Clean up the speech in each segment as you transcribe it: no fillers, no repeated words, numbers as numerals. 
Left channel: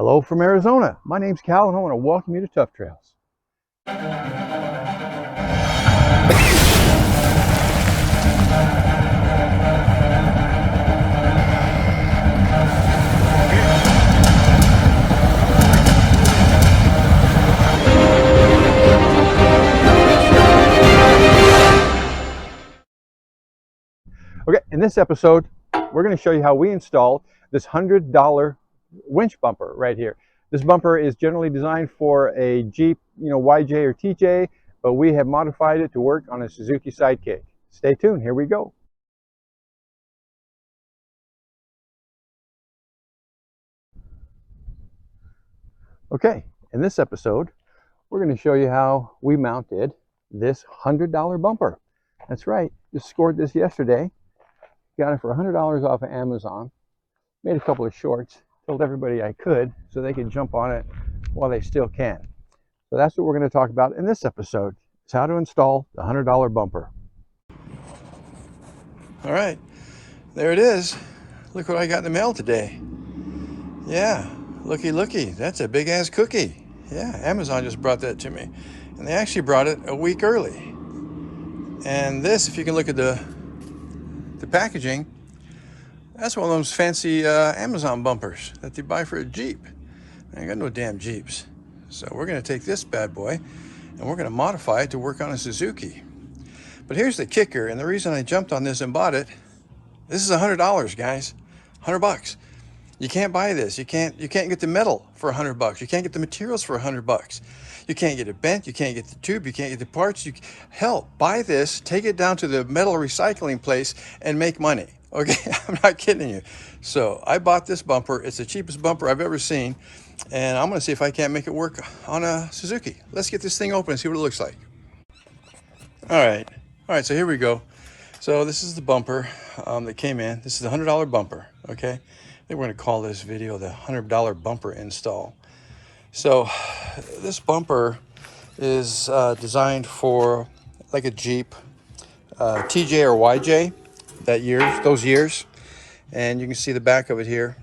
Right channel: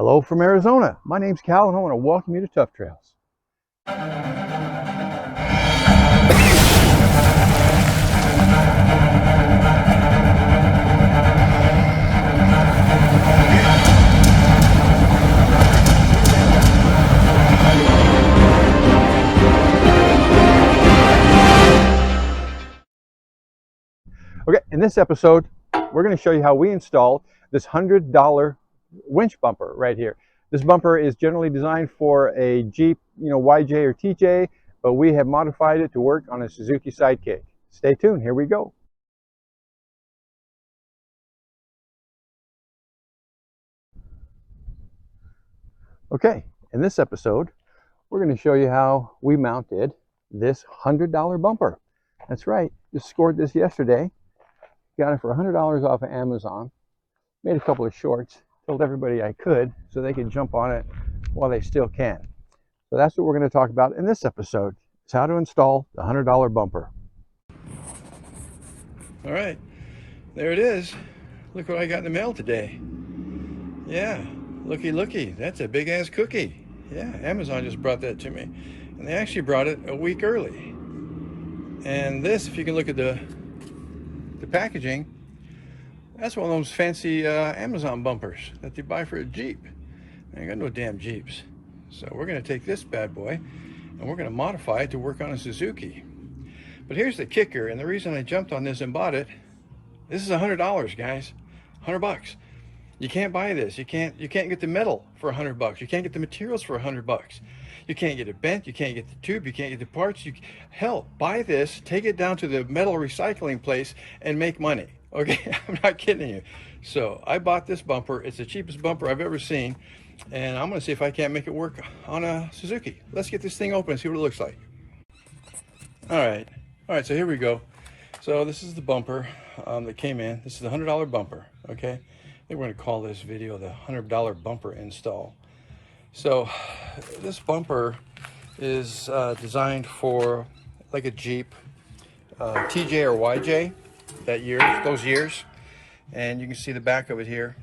Hello from Arizona. My name's Cal and I want to welcome you to Tough Trails. Okay, in this episode, we're going to show you how we install this $100 winch bumper right here. This bumper is generally designed for a Jeep, YJ or TJ, but we have modified it to work on a Suzuki Sidekick. Stay tuned, here we go. Okay, in this episode, we're going to show you how we mounted this $100 bumper. That's right, just scored this yesterday. Got it for $100 off of Amazon. Made a couple of shorts, told everybody I could so they could jump on it while they still can. So that's what we're going to talk about in this episode. It's how to install the $100 bumper. All right, there it is. Look what I got in the mail today. Yeah, looky, that's a big ass cookie. Yeah, Amazon just brought that to me. And they actually brought it a week early. And this, if you can look at the packaging, that's one of those fancy Amazon bumpers that they buy for a Jeep. I ain't got no damn Jeeps. So we're gonna take this bad boy and we're gonna modify it to work on a Suzuki. But here's the kicker, and the reason I jumped on this and bought it, this is $100, guys, $100. You can't buy this. You can't get the metal for $100. You can't get the materials for $100. You can't get it bent. You can't get the tube. You can't get the parts. Hell, buy this, take it down to the metal recycling place and make money. Okay, I'm not kidding you. So I bought this bumper. It's the cheapest bumper I've ever seen. And I'm gonna see if I can't make it work on a Suzuki. Let's get this thing open and see what it looks like. All right, so here we go. So this is the bumper that came in. This is the $100 bumper, okay? I think we're gonna call this video the $100 bumper install. So this bumper is designed for like a Jeep, TJ or YJ, those years. And you can see the back of it here,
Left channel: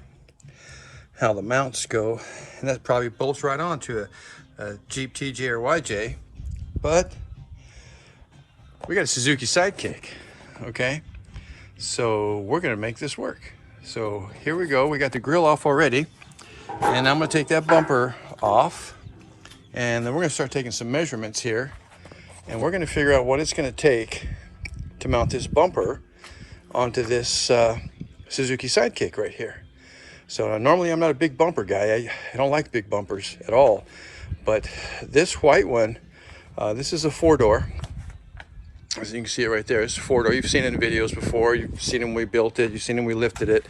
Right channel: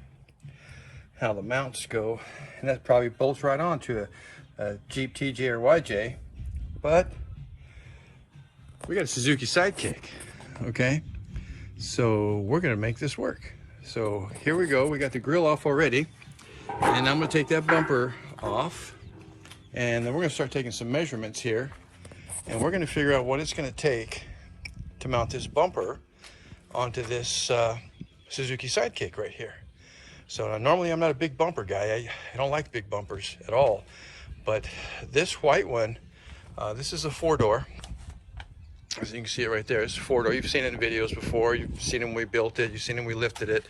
how the mounts go. And that probably bolts right onto a Jeep, TJ or YJ. But we got a Suzuki Sidekick, okay? So we're gonna make this work. So here we go, we got the grill off already. And I'm gonna take that bumper off. And then we're gonna start taking some measurements here. And we're gonna figure out what it's gonna take to mount this bumper onto this Suzuki Sidekick right here. So normally I'm not a big bumper guy. I don't like big bumpers at all. But this white one, this is a 4-door. As you can see it right there, it's a 4-door. You've seen it in videos before. You've seen it when we built it. You've seen it when we lifted it.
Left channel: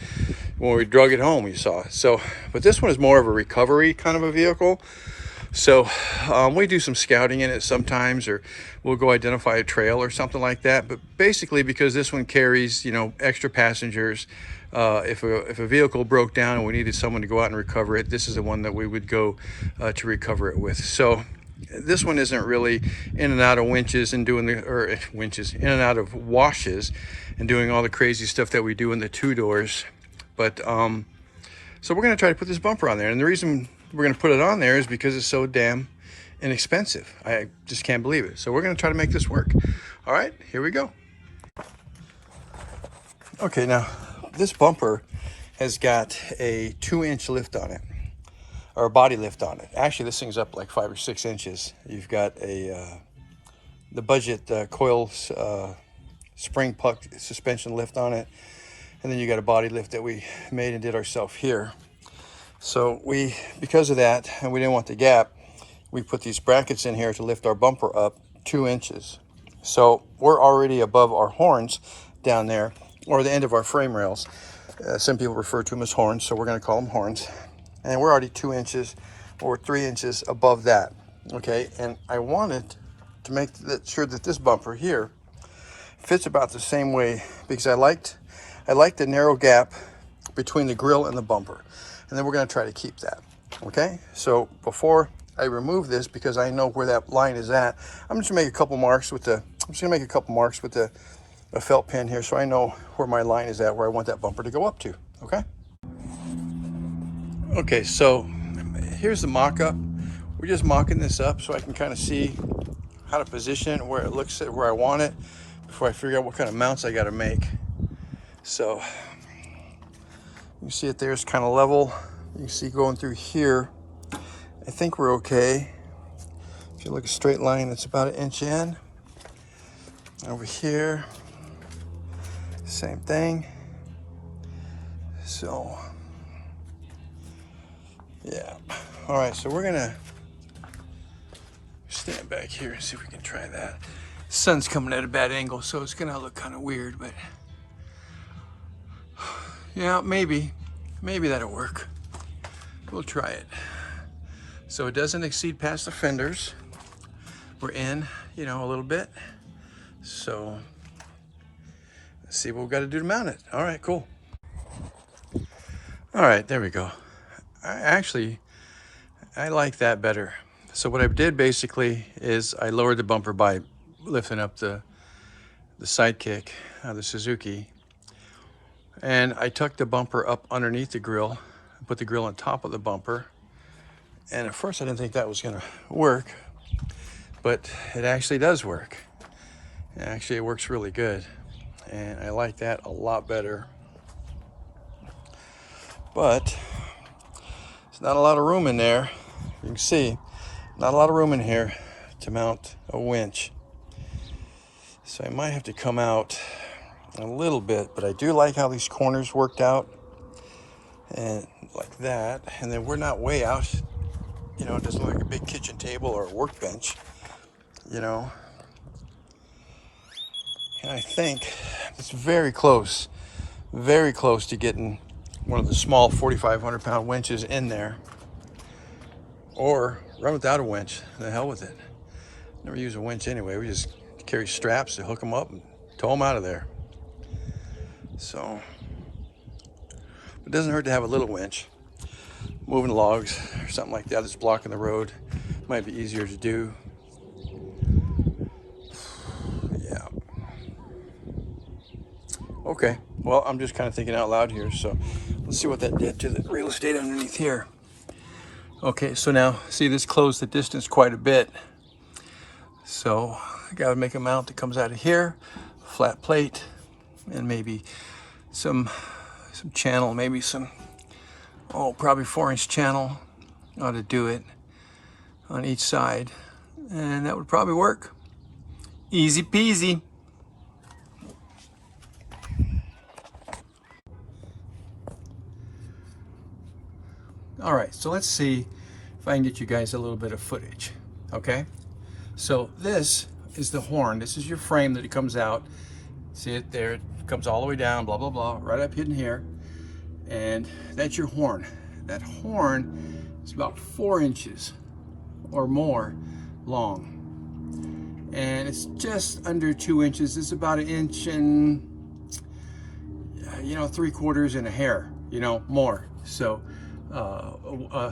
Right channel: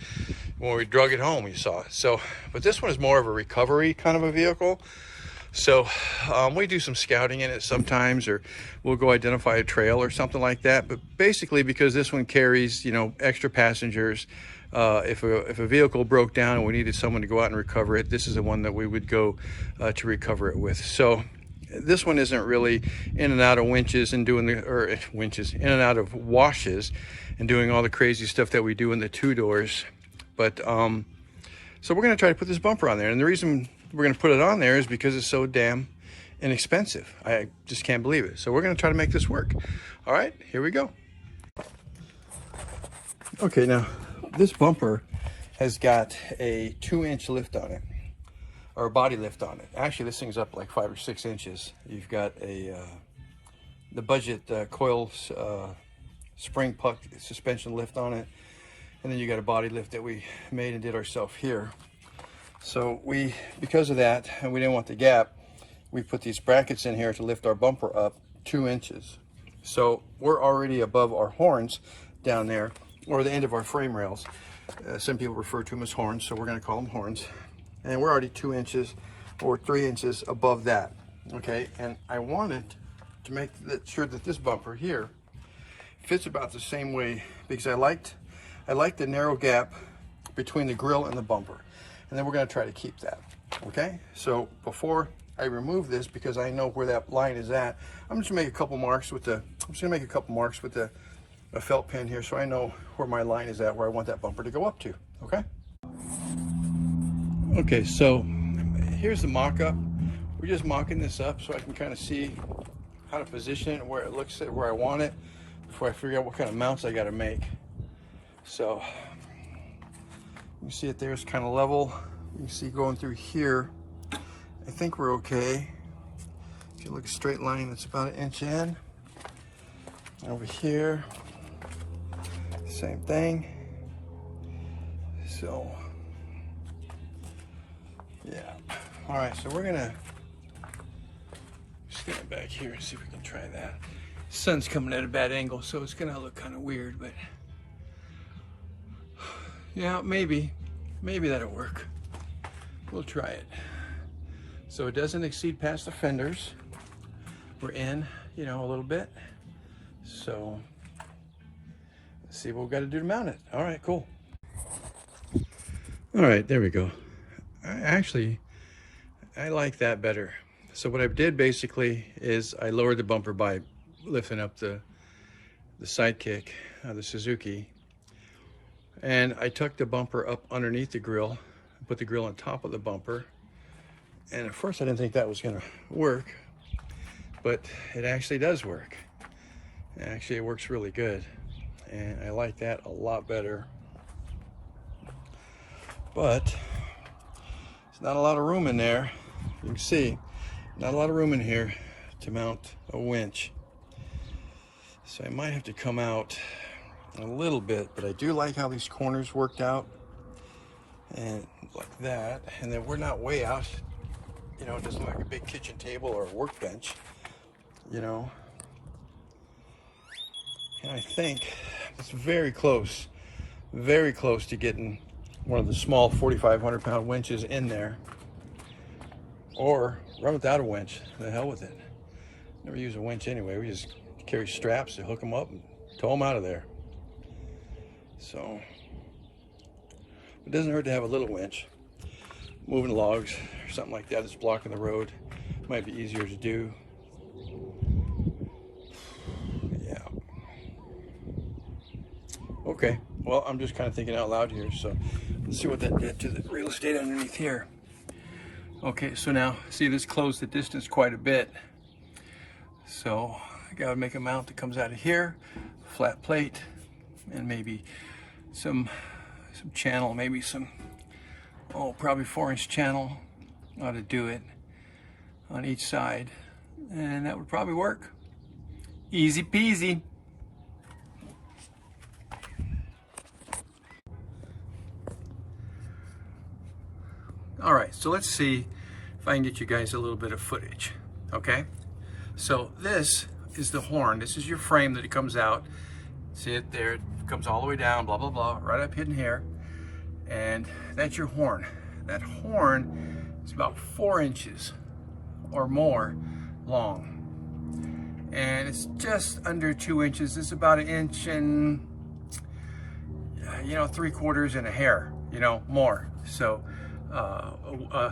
When we drug it home, you saw it. So, but this one is more of a recovery kind of a vehicle. So we do some scouting in it sometimes, or we'll go identify a trail or something like that. But basically, because this one carries, extra passengers, if a vehicle broke down and we needed someone to go out and recover it, this is the one that we would go to recover it with. So this one isn't really in and out of winches and doing in and out of washes and doing all the crazy stuff that we do in the 2-doors. But so we're going to try to put this bumper on there, and the reason we're going to put it on there is because it's so damn inexpensive. I just can't believe it. So we're going to try to make this work. All right, here we go. Okay, now this bumper has got a 2-inch lift on it, or a body lift on it. Actually, this thing's up like 5 or 6 inches. You've got the budget coil spring puck suspension lift on it, and then you got a body lift that we made and did ourselves here. So because of that, and we didn't want the gap, we put these brackets in here to lift our bumper up 2 inches. So we're already above our horns down there, or the end of our frame rails. Some people refer to them as horns, so we're going to call them horns. And we're already 2 inches or 3 inches above that, okay? And I wanted to make sure that this bumper here fits about the same way, because I liked the narrow gap between the grill and the bumper. And then we're going to try to keep that, okay? So before I remove this, because I know where that line is at, I'm just going to make a couple marks with a felt pen here, so I know where my line is at, where I want that bumper to go up to, okay? Okay, so here's the mock-up. We're just mocking this up so I can kind of see how to position it, where it looks at where I want it, before I figure out what kind of mounts I got to make. So you see it there, it's kind of level. You can see going through here, I think we're okay. If you look at a straight line, it's about 1 inch in. Over here, same thing. So yeah, all right, so we're gonna stand back here and see if we can try that. Sun's coming at a bad angle, so it's gonna look kind of weird, but yeah, maybe that'll work. We'll try it. So it doesn't exceed past the fenders. We're in, you know, a little bit. So let's see what we've got to do to mount it. All right, cool. All right, there we go. I like that better. So what I did basically is I lowered the bumper by lifting up the sidekick, the Suzuki, and I tucked the bumper up underneath the grill, put the grill on top of the bumper. And at first I didn't think that was gonna work, but it actually does work. Actually, it works really good, and I like that a lot better. But there's not a lot of room in there. You can see, not a lot of room in here to mount a winch. So I might have to come out a little bit, but I do like how these corners worked out, and like that. And then we're not way out. You know, it doesn't look like a big kitchen table or a workbench, you know. And I think it's very close to getting one of the small 4,500 pound winches in there, or run without a winch. The hell with it. Never use a winch anyway. We just carry straps to hook them up and tow them out of there. So it doesn't hurt to have a little winch. Moving logs or something like that that's blocking the road might be easier to do. Yeah. Okay, well, I'm just kind of thinking out loud here, so let's see what that did to the real estate underneath here. Okay, so now, see, this closed the distance quite a bit. So I gotta make a mount that comes out of here, flat plate, and maybe some channel, maybe some, probably 4-inch channel ought to do it on each side, and that would probably work. Easy peasy. All right, so let's see if I can get you guys a little bit of footage, okay? So this is the horn. This is your frame that it comes out. See it there? It comes all the way down, blah, blah, blah, right up in here. And that's your horn. That horn is about 4 inches or more long. And it's just under 2 inches. It's about 1 inch and, 3/4 and a hair, more. So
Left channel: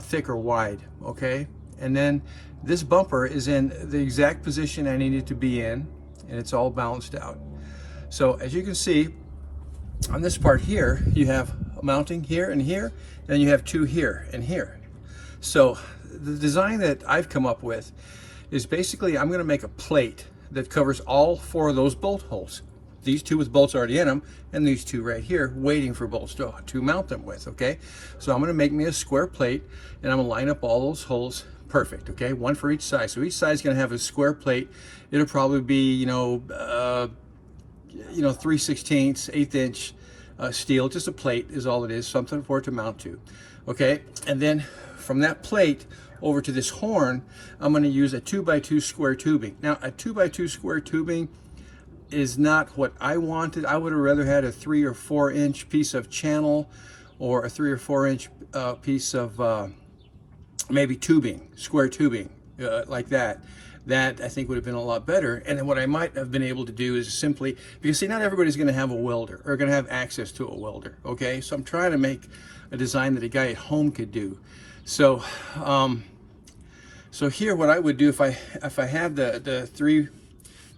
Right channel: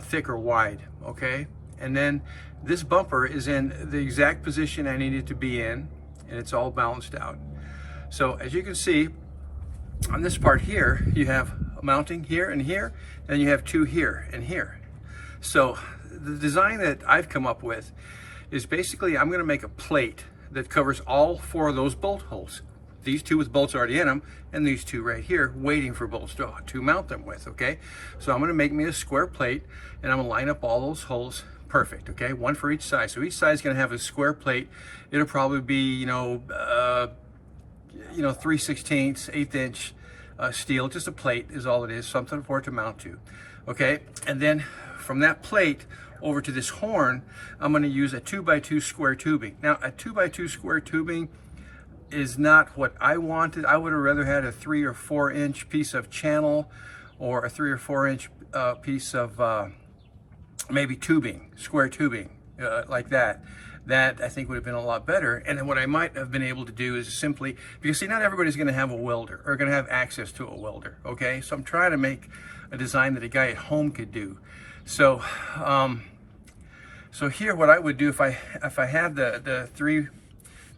thick or wide, okay? And then this bumper is in the exact position I need it to be in, and it's all balanced out. So as you can see, on this part here, you have a mounting here and here, and you have 2 here and here. So the design that I've come up with is basically I'm gonna make a plate that covers all 4 of those bolt holes. These 2 with bolts already in them, and these 2 right here waiting for bolts to mount them with, okay? So I'm gonna make me a square plate, and I'm gonna line up all those holes perfect, okay? 1 for each side. So each side is gonna have a square plate. It'll probably be, 3/16, 1/8 inch steel. Just a plate is all it is, something for it to mount to, okay? And then from that plate over to this horn, I'm gonna use a 2x2 square tubing. Now, a 2x2 square tubing is not what I wanted. I would have rather had a 3 or 4 inch piece of channel, or a 3 or 4 inch piece of maybe tubing, square tubing, like that. That I think would have been a lot better. And then what I might have been able to do is simply, because see, not everybody's gonna have a welder or gonna have access to a welder, okay? So I'm trying to make a design that a guy at home could do. So so here what I would do if I had the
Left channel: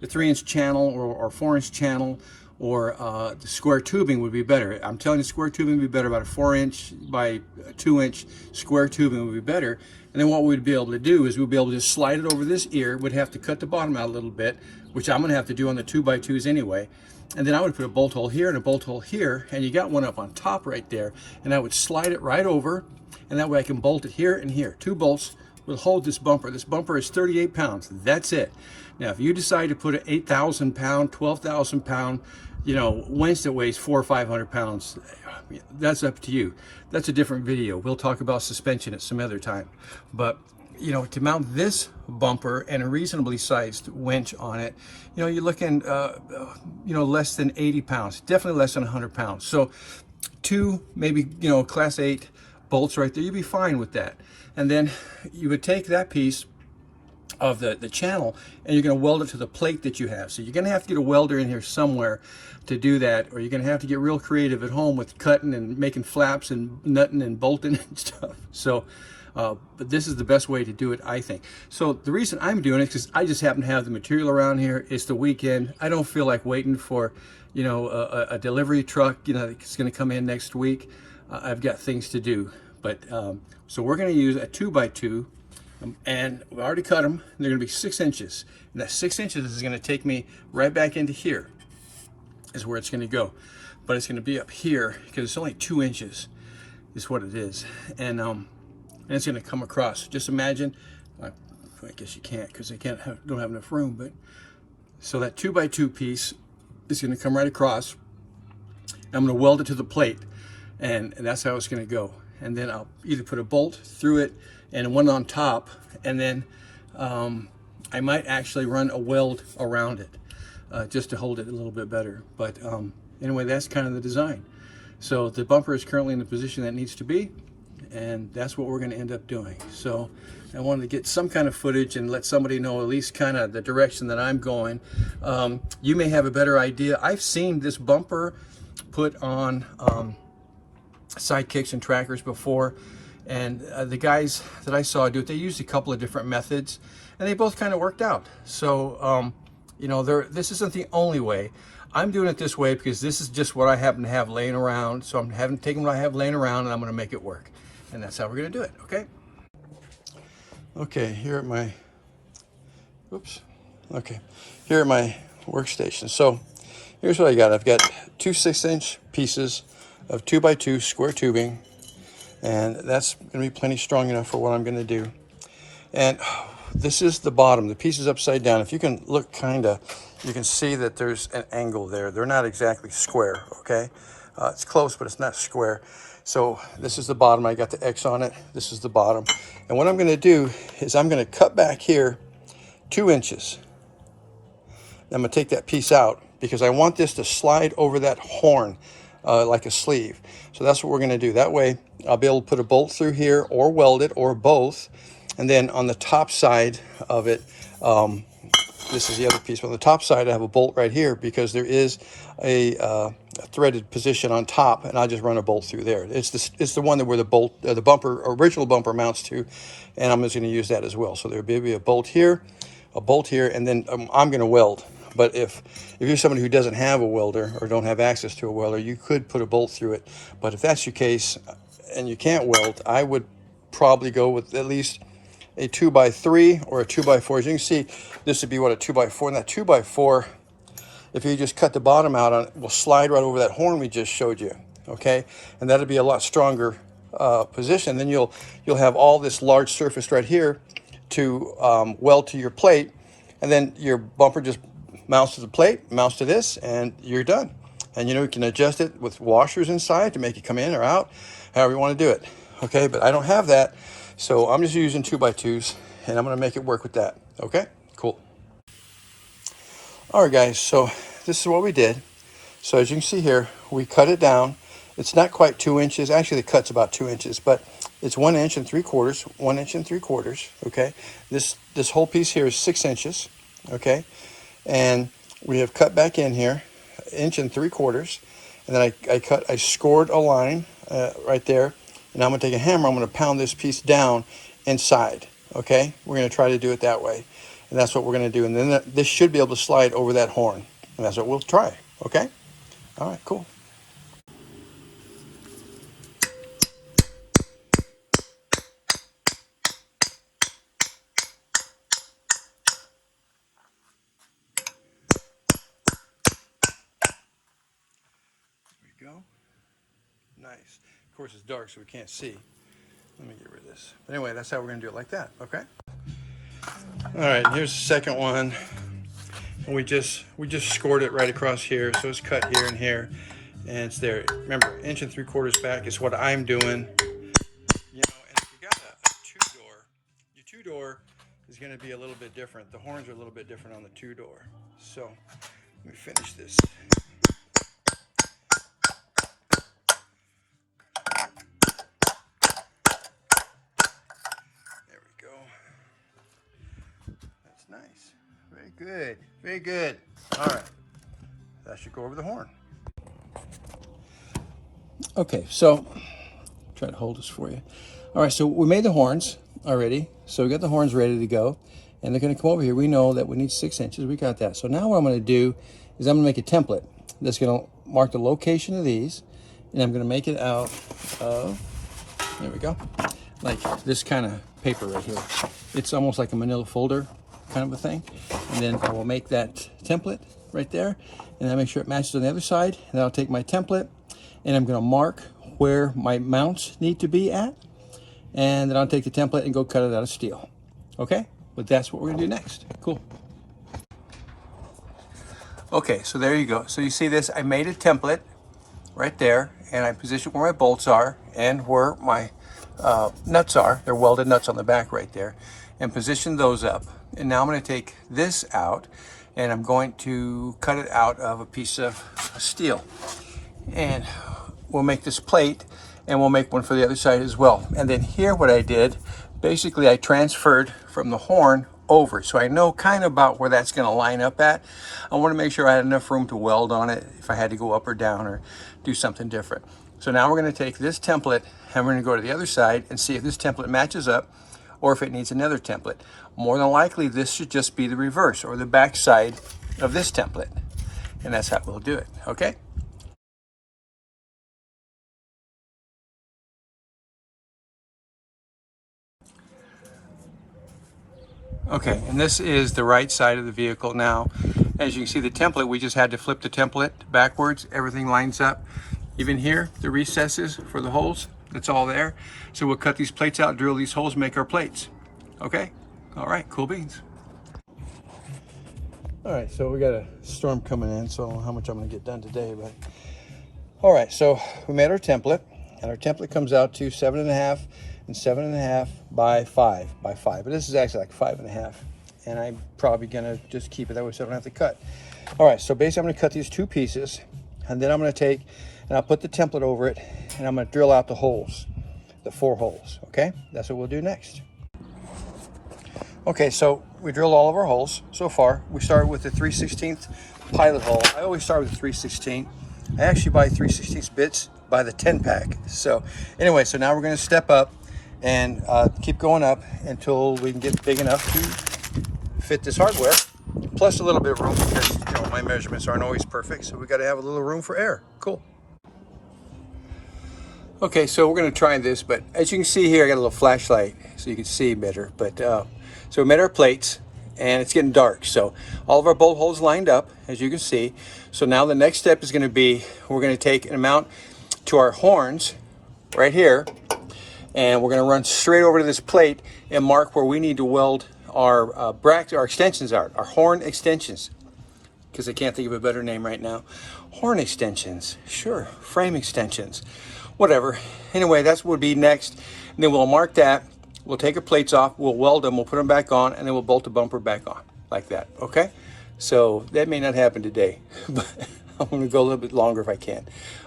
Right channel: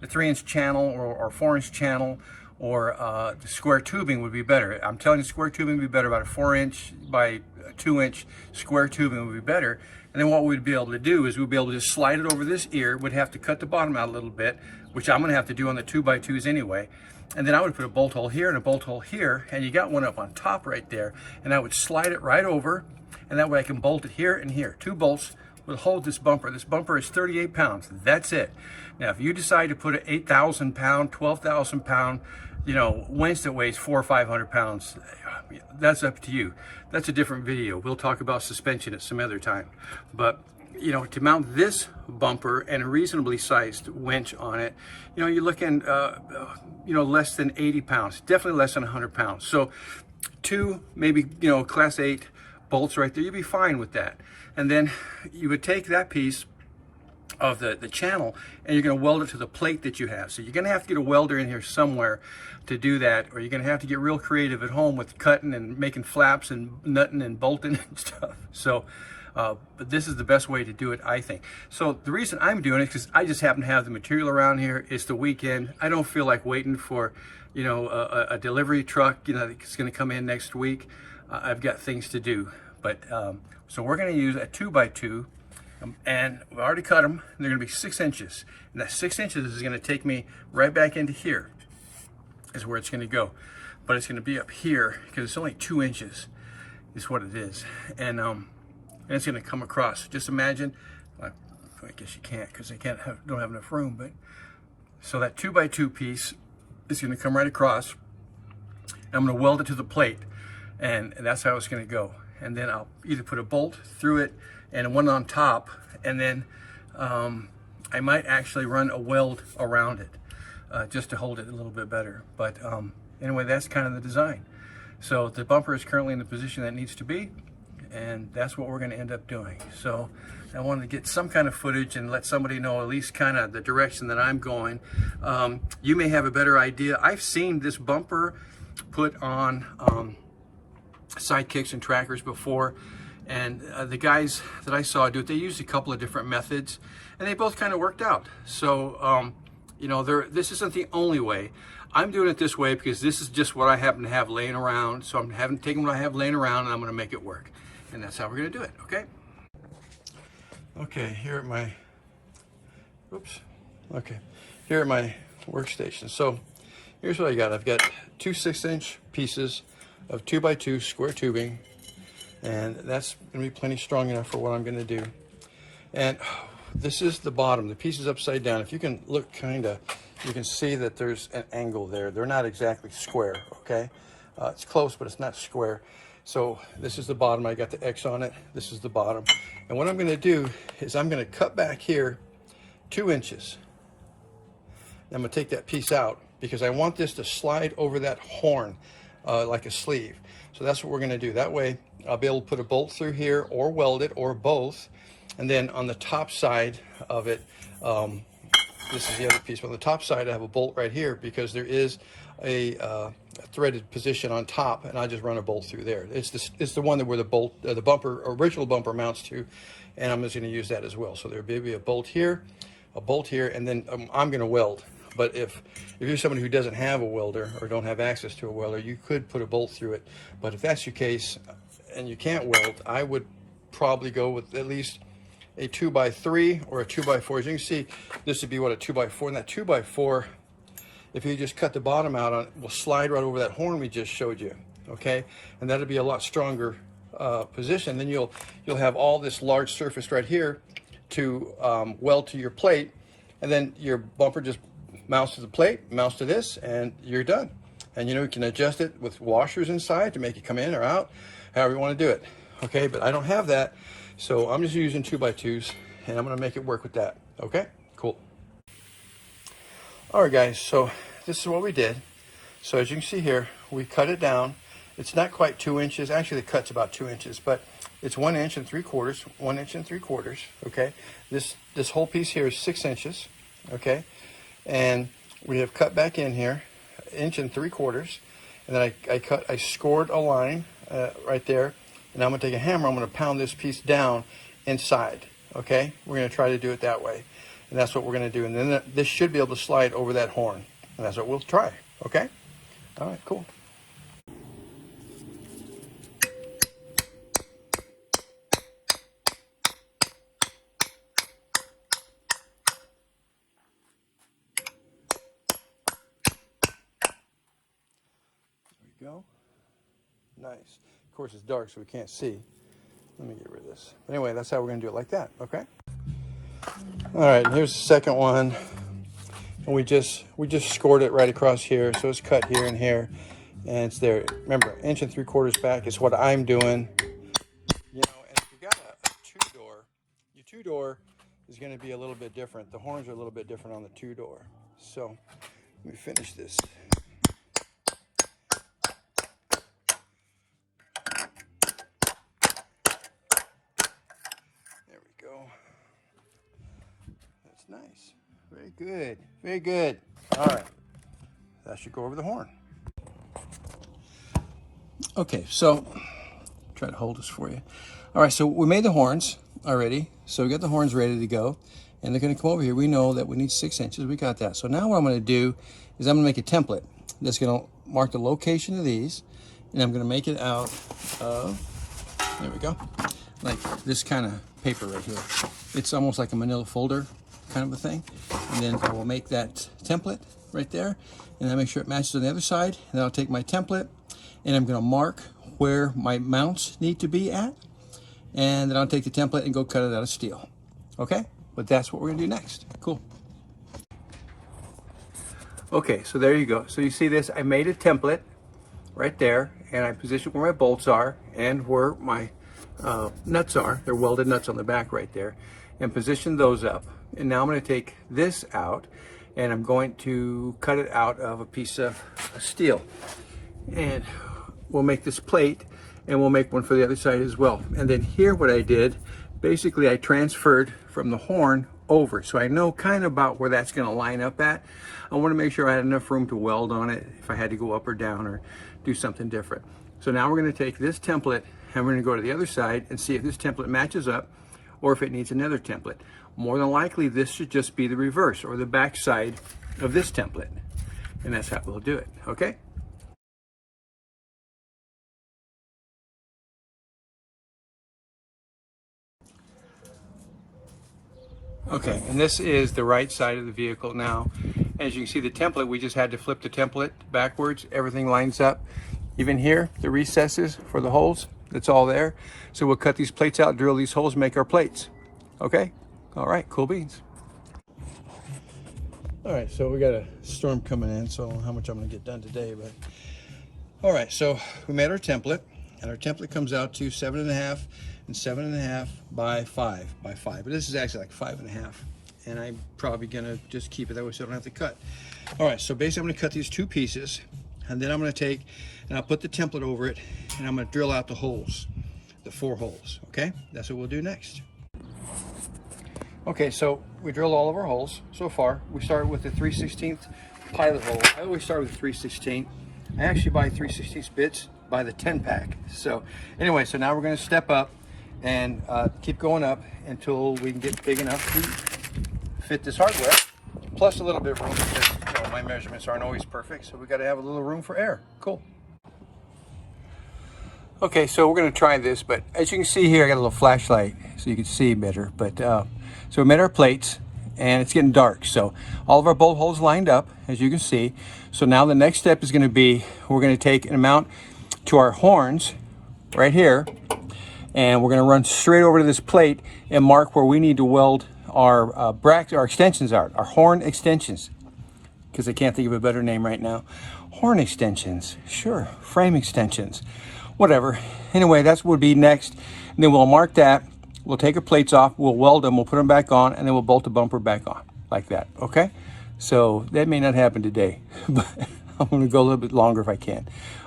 3-inch channel or 4-inch channel, or the square tubing would be better. I'm telling you, square tubing would be better. About a 4-inch by 2-inch square tubing would be better. And then what we'd be able to do is we'd be able to just slide it over this ear. We'd have to cut the bottom out a little bit, which I'm going to have to do on the 2x2s anyway. And then I would put a bolt hole here and a bolt hole here, and you got one up on top right there. And I would slide it right over, and that way I can bolt it here and here. 2 bolts will hold this bumper. This bumper is 38 pounds. That's it. Now, if you decide to put an 8,000 pound, 12,000 pound, winch that weighs 400 or 500 pounds, that's up to you. That's a different video. We'll talk about suspension at some other time. But, to mount this bumper and a reasonably sized winch on it, you're looking, less than 80 pounds, definitely less than 100 pounds. So 2, maybe, class 8 bolts right there, you'd be fine with that. And then you would take that piece of the channel and you're going to weld it to the plate that you have. So you're going to have to get a welder in here somewhere to do that, or you're going to have to get real creative at home with cutting and making flaps and nutting and bolting and stuff. So but this is the best way to do it, I think. So the reason I'm doing it is because I just happen to have the material around here. It's the weekend. I don't feel like waiting for a delivery truck that's going to come in next week. I've got things to do. But so we're going to use a 2x2, and we already cut them. They're going to be 6 inches, and that 6 inches is going to take me right back into here is where it's going to go. But it's going to be up here because it's only 2 inches is what it is. And it's going to come across. Just imagine, I guess you can't because they don't have enough room, but so that 2x2 piece is going to come right across. I'm going to weld it to the plate, and that's how it's going to go. And then I'll either put a bolt through it and one on top, and then I might actually run a weld around it just to hold it a little bit better. But anyway, that's kind of the design. So the bumper is currently in the position that it needs to be, and that's what we're going to end up doing. So I wanted to get some kind of footage and let somebody know at least kind of the direction that I'm going. You may have a better idea. I've seen this bumper put on side kicks and trackers before, and the guys that I saw do it, they used a couple of different methods and they both kind of worked out. So this isn't the only way. I'm doing it this way because this is just what I happen to have laying around. So I'm taking what I have laying around and I'm going to make it work, and that's how we're going to do it. Okay, here at my workstation. So here's what I got. I've got 2 6-inch pieces of 2x2 square tubing, and that's going to be plenty strong enough for what I'm going to do. And this is the bottom. The piece is upside down. If you can look you can see that there's an angle there. They're not exactly square, okay? It's close, but it's not square. So this is the bottom. I got the X on it. This is the bottom. And what I'm going to do is I'm going to cut back here 2 inches. I'm going to take that piece out because I want this to slide over that horn like a sleeve. So that's what we're going to do. That way I'll be able to put a bolt through here or weld it or both. And then on the top side of it, this is the other piece. On the top side I have a bolt right here because there is a threaded position on top, and I'll just run a bolt through there. It's the one where the original bumper mounts to, and I'm just going to use that as well. So there'll be a bolt here, and then I'm going to weld. But if you're somebody who doesn't have a welder or don't have access to a welder, you could put a bolt through it. But if that's your case and you can't weld, I would probably go with at least a 2x3 or a 2x4. As you can see, this would be what, a 2x4. And that 2x4, if you just cut the bottom out on it, will slide right over that horn we just showed you. Okay, and that'll be a lot stronger position. Then you'll have all this large surface right here to weld to your plate, and then your bumper just mounts to the plate, mounts to this, and you're done. And you can adjust it with washers inside to make it come in or out, however you want to do it. Okay, but I don't have that, so I'm just using 2x2s, and I'm going to make it work with that. Okay, cool. All right, guys, so this is what we did. So as you can see here, we cut it down. It's not quite 2 inches. Actually, the cut's about 2 inches, but it's 1 inch and 3/4, 1 inch and 3/4. Okay, this whole piece here is 6 inches. Okay, and we have cut back in here 1 inch and 3/4, and then I scored a line right there, and I'm going to take a hammer. I'm going to pound this piece down inside. Okay, we're going to try to do it that way, and that's what we're going to do. And then this should be able to slide over that horn, and that's what we'll try. Okay. All right, cool. There we go. Nice. Of course, it's dark, so we can't see. Let me get rid of this. But anyway, that's how we're going to do it, like that, okay? All right, here's the second one. And we just scored it right across here, so it's cut here and here, and it's there. Remember, 1 3/4 back is what I'm doing. You know, and if you got a two-door, your two-door is going to be a little bit different. The horns are a little bit different on the two-door. So let me finish this. There we go. That's nice. Very good. Very good. All right. That should go over the horn. Okay, so try to hold this for you. All right, so we made the horns already. So we got the horns ready to go, and they're going to come over here. We know that we need 6 inches. We got that. So now what I'm going to do is I'm going to make a template that's going to mark the location of these, and I'm going to make it out of, there we go, like this kind of paper right here. It's almost like a manila folder kind of a thing. And then I will make that template right there, and I'll make sure it matches on the other side. And then I'll take my template, and I'm going to mark where my mounts need to be at, and then I'll take the template and go cut it out of steel. Okay, but that's what we're going to do next. Cool. Okay, so there you go. So you see this, I made a template right there, and I positioned where my bolts are and where my nuts are. They're welded nuts on the back right there, and position those up. And now I'm going to take this out, and I'm going to cut it out of a piece of steel. And we'll make this plate, and we'll make one for the other side as well. And then here what I did, basically I transferred from the horn over, so I know kind of about where that's going to line up at. I want to make sure I had enough room to weld on it if I had to go up or down or do something different. So now we're going to take this template, and we're going to go to the other side and see if this template matches up or if it needs another template. More than likely this should just be the reverse or the back side of this template, and that's how we'll do it. Okay. Okay, and this is the right side of the vehicle now. As you can see, the template, we just had to flip the template backwards. Everything lines up. Even here, the recesses for the holes, it's all there. So we'll cut these plates out, drill these holes, make our plates. Okay? All right, cool beans. All right, so we got a storm coming in, so I don't know how much I'm gonna get done today, but. All right, so we made our template, and our template comes out to 7.5 and 7.5 by 5 by 5. But this is actually like 5.5, and I'm probably gonna just keep it that way so I don't have to cut. All right, so basically I'm gonna cut these 2 pieces, and then I'm gonna take and I'll put the template over it, and I'm gonna drill out the holes, the 4 holes. Okay, that's what we'll do next. Okay, so we drilled all of our holes so far. We started with the 3/16 pilot hole. I always start with the 3/16. I actually buy 3/16 bits by the 10 pack. So anyway, so now we're going to step up and keep going up until we can get big enough to fit this hardware, plus a little bit of room because, you know, my measurements aren't always perfect, so we got to have a little room for air. Cool. Okay, so we're going to try this, but as you can see here, I got a little flashlight so you can see better. But so we made our plates, and it's getting dark, so all of our bolt holes lined up, as you can see. So now the next step is going to be, we're going to take and mount to our horns right here, and we're going to run straight over to this plate and mark where we need to weld our brackets, our extensions are, our horn extensions, because I can't think of a better name right now. Horn extensions, sure, frame extensions, whatever. Anyway, that's what would be next, and then we'll mark that. We'll take our plates off, we'll weld them, we'll put them back on, and then we'll bolt the bumper back on, like that, okay? So that may not happen today, but I'm gonna go a little bit longer if I can.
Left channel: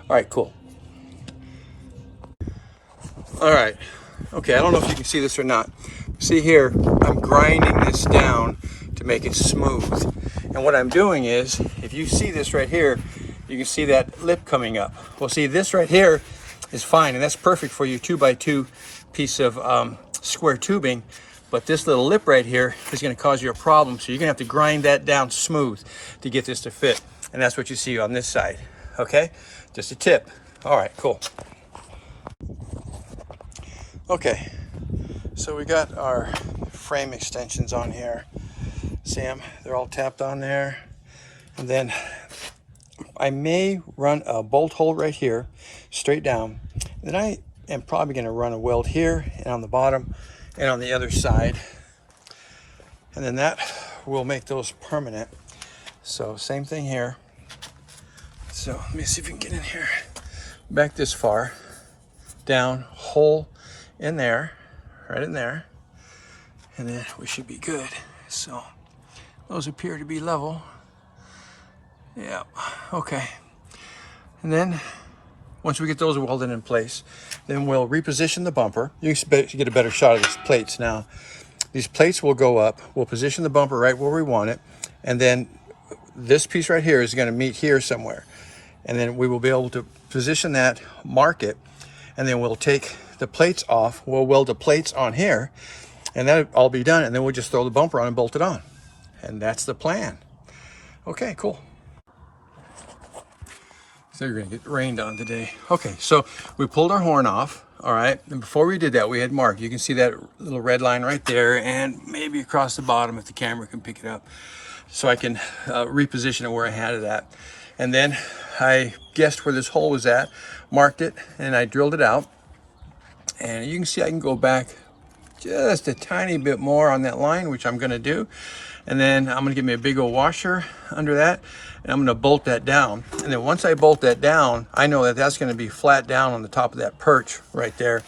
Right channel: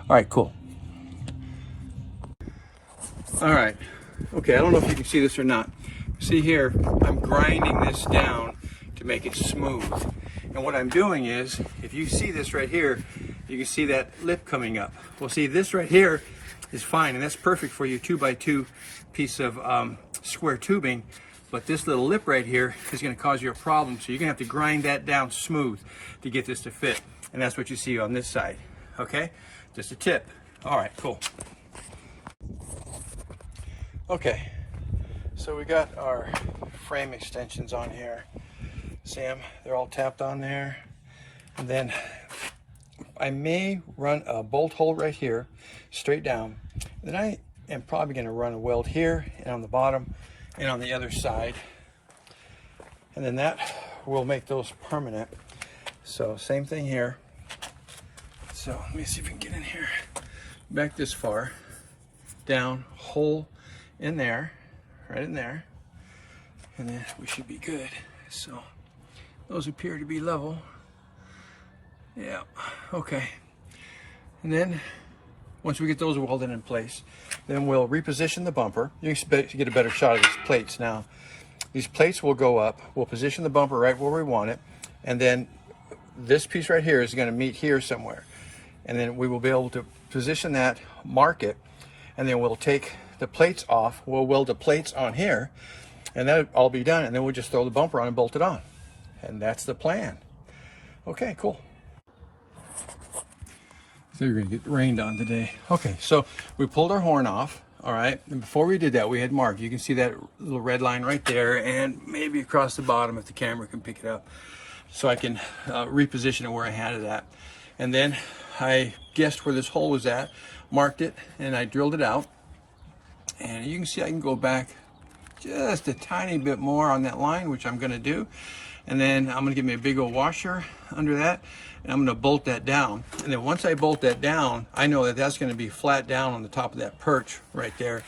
All right, cool. All right, okay, I don't know if you can see this or not. See here, I'm grinding this down to make it smooth. And what I'm doing is, if you see this right here, you can see that lip coming up. Well, see, this right here is fine, and that's perfect for your 2x2 piece of square tubing, but this little lip right here is going to cause you a problem, so you're going to have to grind that down smooth to get this to fit, and that's what you see on this side okay? Just a tip. All right, cool. Okay, so we got our frame extensions on here. See them? They're all tapped on there. And then I may run a bolt hole right here, straight down. And then I am probably going to run a weld here and on the bottom and on the other side. And then that will make those permanent. So same thing here. So let me see if we can get in here. Back this far, down, hole in there, right in there. And then we should be good. So those appear to be level. Yeah, okay. And then once we get those welded in place, then we'll reposition the bumper. You can get a better shot of these plates now. These plates will go up. We'll position the bumper right where we want it. And then this piece right here is going to meet here somewhere. And then we will be able to position that, mark it, and then we'll take the plates off. We'll weld the plates on here, and that'll all be done. And then we'll just throw the bumper on and bolt it on. And that's the plan. Okay, cool. So you're gonna get rained on today. Okay, so we pulled our horn off, all right? And before we did that, we had marked. You can see that little red line right there, and maybe across the bottom if the camera can pick it up. So I can reposition it where I had it at. And then I guessed where this hole was at, marked it, and I drilled it out. And you can see I can go back just a tiny bit more on that line, which I'm gonna do. And then I'm gonna give me a big old washer under that, and I'm gonna bolt that down. And then once I bolt that down, I know that that's gonna be flat down on the top of that perch right there.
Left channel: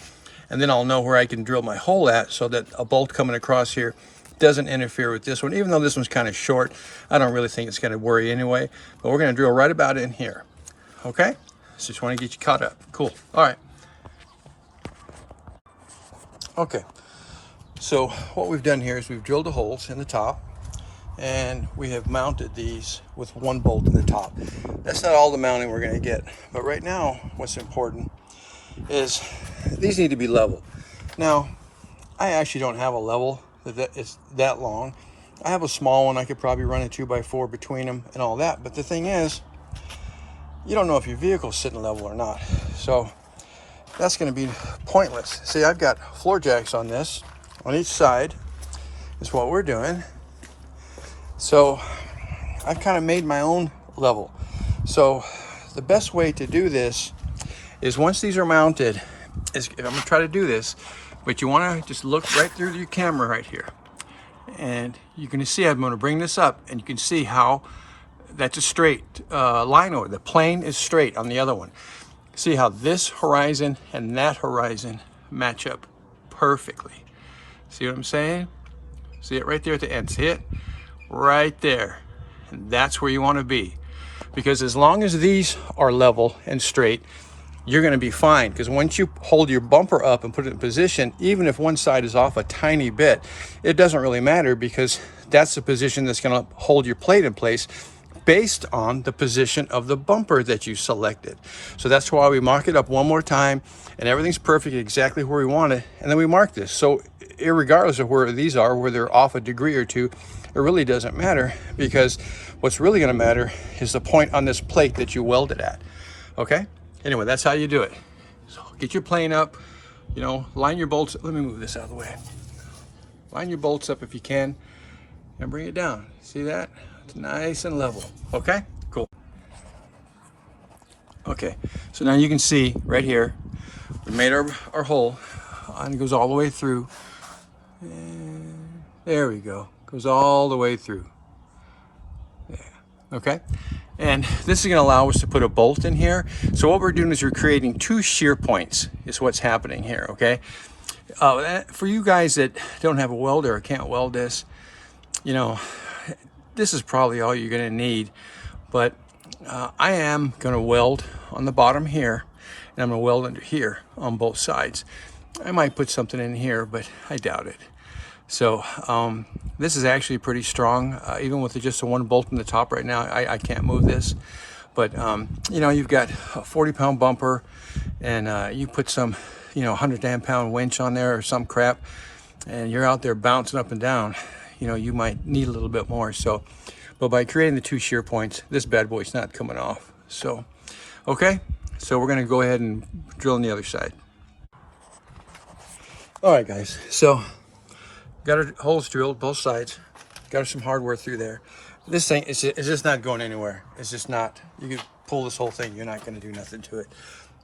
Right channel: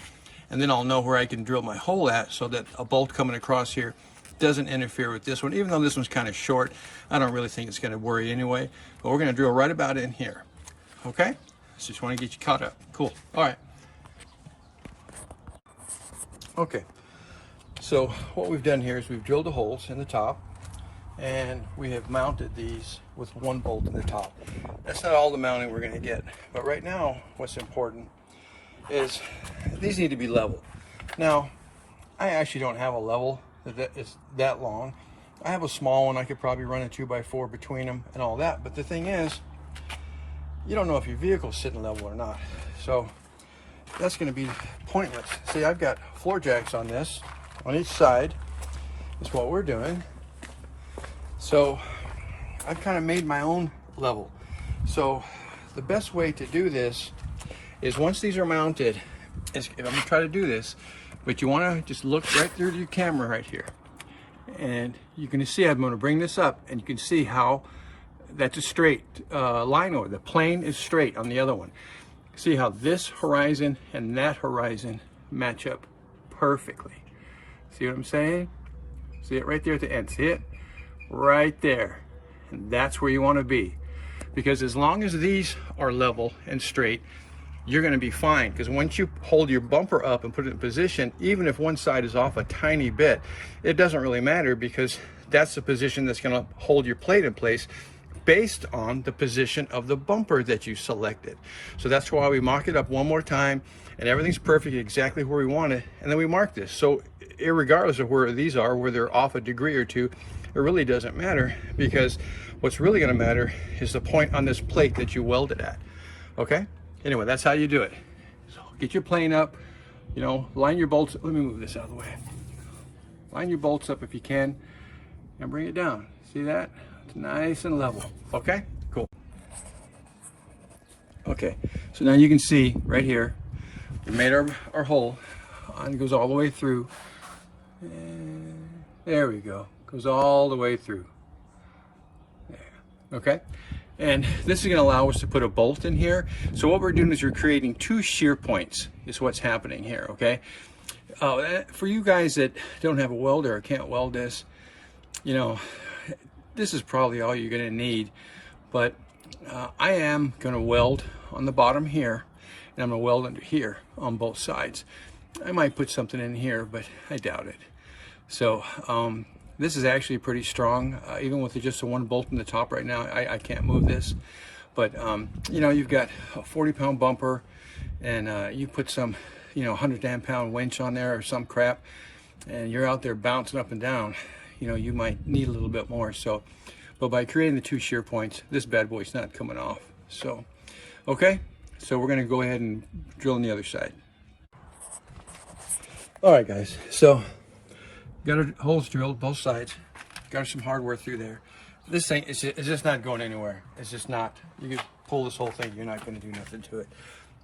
And then I'll know where I can drill my hole at so that a bolt coming across here doesn't interfere with this one. Even though this one's kind of short, I don't really think it's gonna worry anyway. But we're gonna drill right about in here, okay? So just wanna get you caught up. Cool, all right. Okay, so what we've done here is we've drilled the holes in the top, and we have mounted these with one bolt in the top. That's not all the mounting we're going to get, but right now what's important is these need to be level. Now I actually don't have a level that is that long. I have a small one. I could probably run a 2x4 between them and all that, but the thing is, you don't know if your vehicle's sitting level or not, so that's going to be pointless. See, I've got floor jacks on this on each side is what we're doing. So I've kind of made my own level. So the best way to do this is once these are mounted, is I'm gonna try to do this, but you wanna just look right through your camera right here. And you're gonna see, I'm gonna bring this up and you can see how that's a straight line over. The plane is straight on the other one. See how this horizon and that horizon match up perfectly. See what I'm saying? See it right there at the end, see it? Right there, and that's where you want to be, because as long as these are level and straight, you're going to be fine. Because once you hold your bumper up and put it in position, even if one side is off a tiny bit, it doesn't really matter, because that's the position that's going to hold your plate in place based on the position of the bumper that you selected. So that's why we mark it up one more time, and everything's perfect exactly where we want it, and then we mark this. So irregardless of where these are, where they're off a degree or two, it really doesn't matter, because what's really going to matter is the point on this plate that you welded at. Okay, anyway, that's how you do it. So get your plane up, you know, line your bolts. Let me move this out of the way. Line your bolts up if you can and bring it down. See that? It's nice and level. Okay, cool. Okay, so now you can see right here, we made our hole, and it goes all the way through, and there we go. Goes all the way through. Yeah. Okay. And this is going to allow us to put a bolt in here. So what we're doing is we're creating two shear points is what's happening here. Okay. For you guys that don't have a welder or can't weld this, you know, this is probably all you're going to need. But I am going to weld on the bottom here, and I'm going to weld under here on both sides. I might put something in here, but I doubt it. So this is actually pretty strong, even with just a one bolt in the top right now. I can't move this, but you know, you've got a 40-pound bumper, and you put some, you know, 110-pound winch on there or some crap, and you're out there bouncing up and down. You know, you might need a little bit more. So, but by creating the two shear points, this bad boy's not coming off. So Okay, so we're gonna go ahead and drill on the other side. All right, guys, so got our holes drilled both sides, got some hardware through there. This thing is just not going anywhere. It's just not. You could pull this whole thing, you're not going to do nothing to it.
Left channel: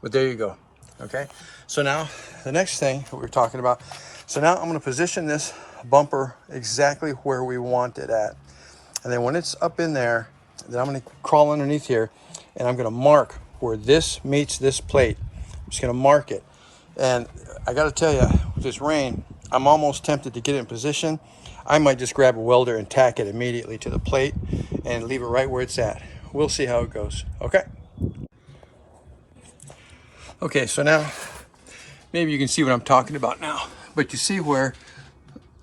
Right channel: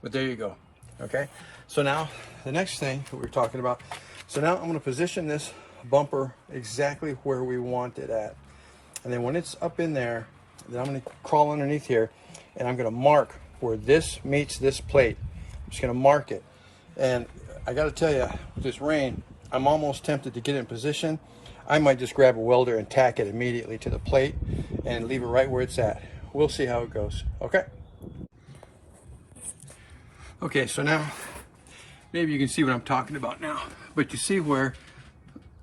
But there you go. Okay, so now the next thing that we were talking about, so now I'm going to position this bumper exactly where we want it at, and then when it's up in there, then I'm going to crawl underneath here and I'm going to mark where this meets this plate. I'm just going to mark it. And I got to tell you, with this rain, I'm almost tempted to get it in position. I might just grab a welder and tack it immediately to the plate and leave it right where it's at. We'll see how it goes. Okay. Okay, so now maybe you can see what I'm talking about now, but you see where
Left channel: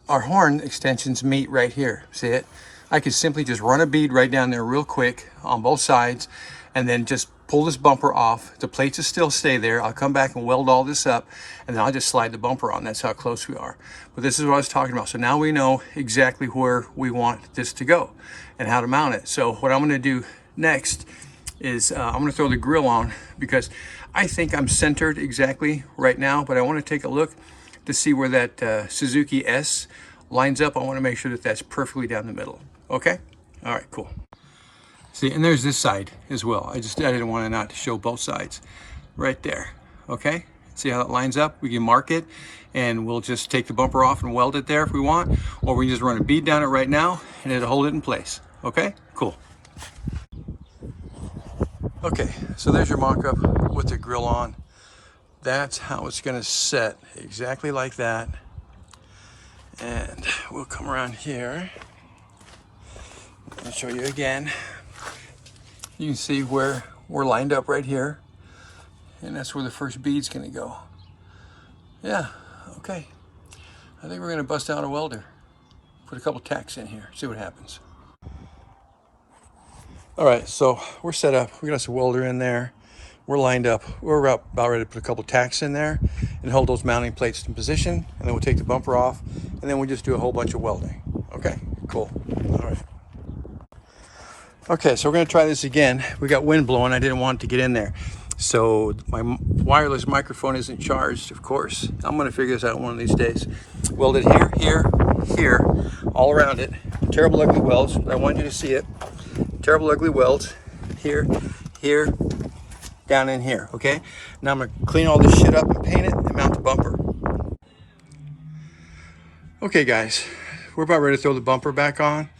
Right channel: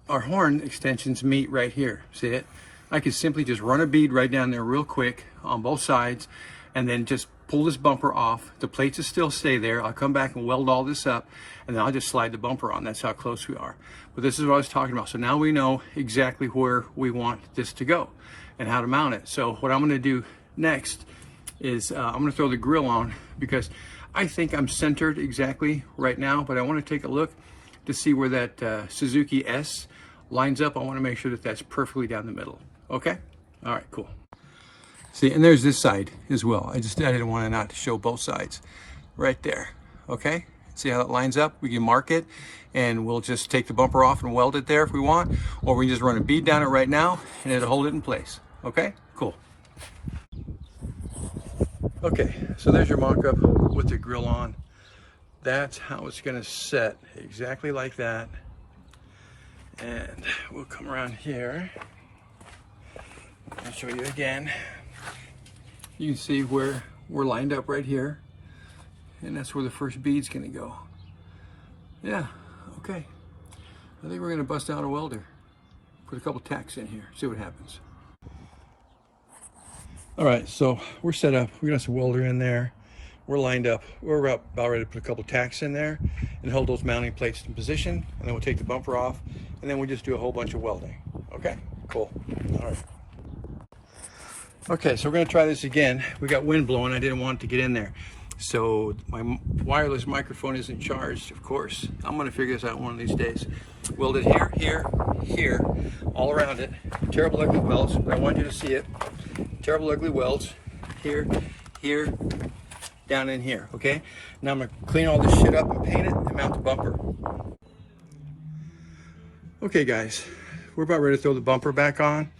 our horn extensions meet right here. See it? I could simply just run a bead right down there real quick on both sides and then just pull this bumper off. The plates will still stay there. I'll come back and weld all this up and then I'll just slide the bumper on. That's how close we are. But this is what I was talking about. So now we know exactly where we want this to go and how to mount it. So what I'm going to do next is I'm going to throw the grill on because I think I'm centered exactly right now, but I want to take a look to see where that Suzuki S lines up. I want to make sure that that's perfectly down the middle. Okay? All right, cool. See, and there's this side as well. I didn't want to not show both sides right there. Okay? See how that lines up? We can mark it and we'll just take the bumper off and weld it there if we want, or we can just run a bead down it right now and it'll hold it in place. Okay? Cool. Okay, so there's your mock-up with the grill on. That's how it's going to set, exactly like that. And we'll come around here. I'll show you again. You can see where we're lined up right here. And that's where the first bead's going to go. Yeah, okay. I think we're going to bust out a welder. Put a couple tacks in here, see what happens. All right, so we're set up. We got some welder in there. We're lined up. We're about ready to put a couple tacks in there and hold those mounting plates in position. And then we'll take the bumper off and then we'll just do a whole bunch of welding. Okay, cool. All right. Okay, so we're gonna try this again. We got wind blowing. I didn't want it to get in there. So my wireless microphone isn't charged, of course. I'm gonna figure this out one of these days. Weld it here, here, here, all around it. Terrible ugly welds, but I want you to see it. Terrible ugly welds, here, here, down in here, okay? Now I'm gonna clean all this shit up and paint it and mount the bumper. Okay guys, we're about ready to throw the bumper back on.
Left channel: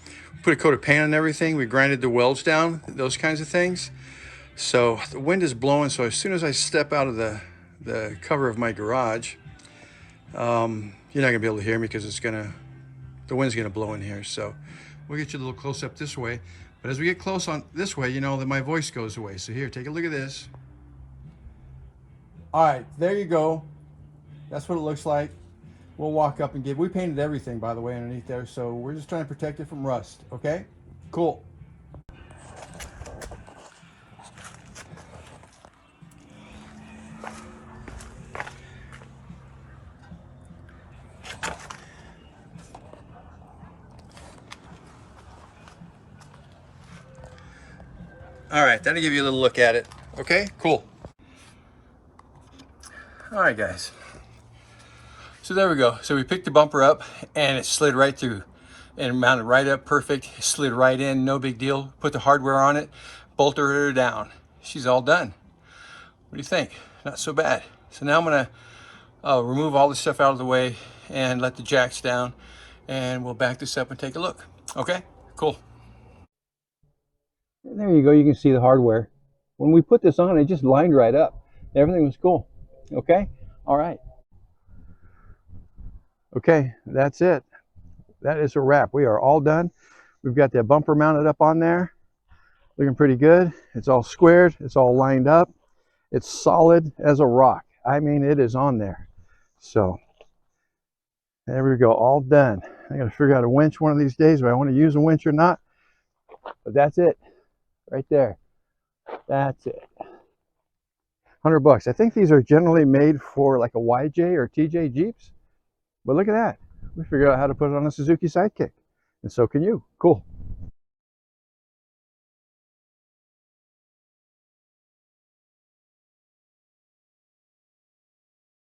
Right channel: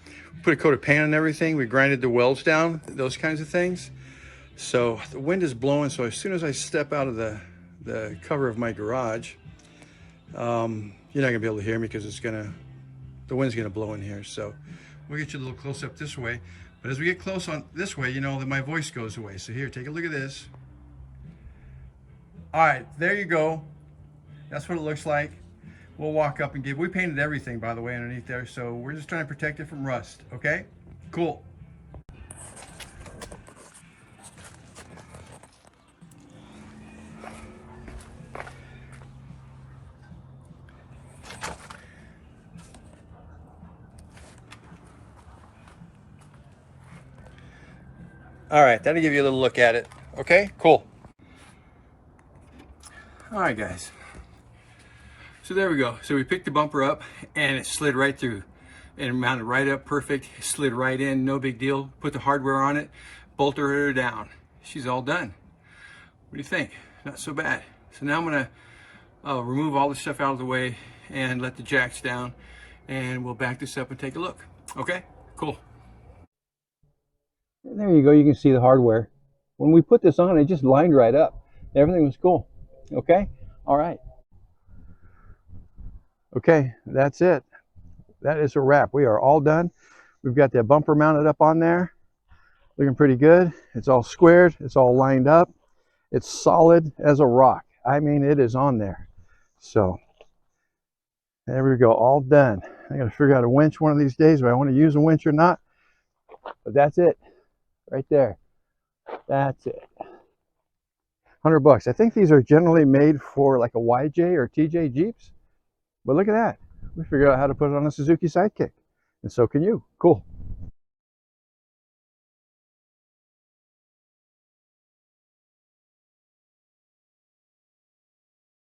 Put a coat of paint on everything. We grinded the welds down, those kinds of things. So the wind is blowing, so as soon as I step out of the cover of my garage, you're not gonna be able to hear me because the wind's gonna blow in here. So we'll get you a little close up this way. But as we get close on this way, you know that my voice goes away. So here, take a look at this. All right, there you go. That's what it looks like. We'll walk up and we painted everything, by the way, underneath there. So we're just trying to protect it from rust, okay? Cool. All right, that'll give you a little look at it. Okay, cool. All right, guys. So there we go. So we picked the bumper up and it slid right through and mounted right up perfect. It slid right in, no big deal. Put the hardware on it, bolted her down. She's all done. What do you think? Not so bad. So now I'm gonna remove all this stuff out of the way and let the jacks down and we'll back this up and take a look. Okay, cool. And there you go, you can see the hardware. When we put this on, it just lined right up. Everything was cool. Okay, all right. Okay, that's it. That is a wrap. We are all done. We've got that bumper mounted up on there. Looking pretty good. It's all squared. It's all lined up. It's solid as a rock. I mean, it is on there. So, there we go. All done. I got to figure out a winch one of these days, if I want to use a winch or not. But that's it. Right there. That's it. $100. I think these are generally made for like a YJ or TJ Jeeps. But look at that. We figured out how to put it on a Suzuki Sidekick. And so can you. Cool.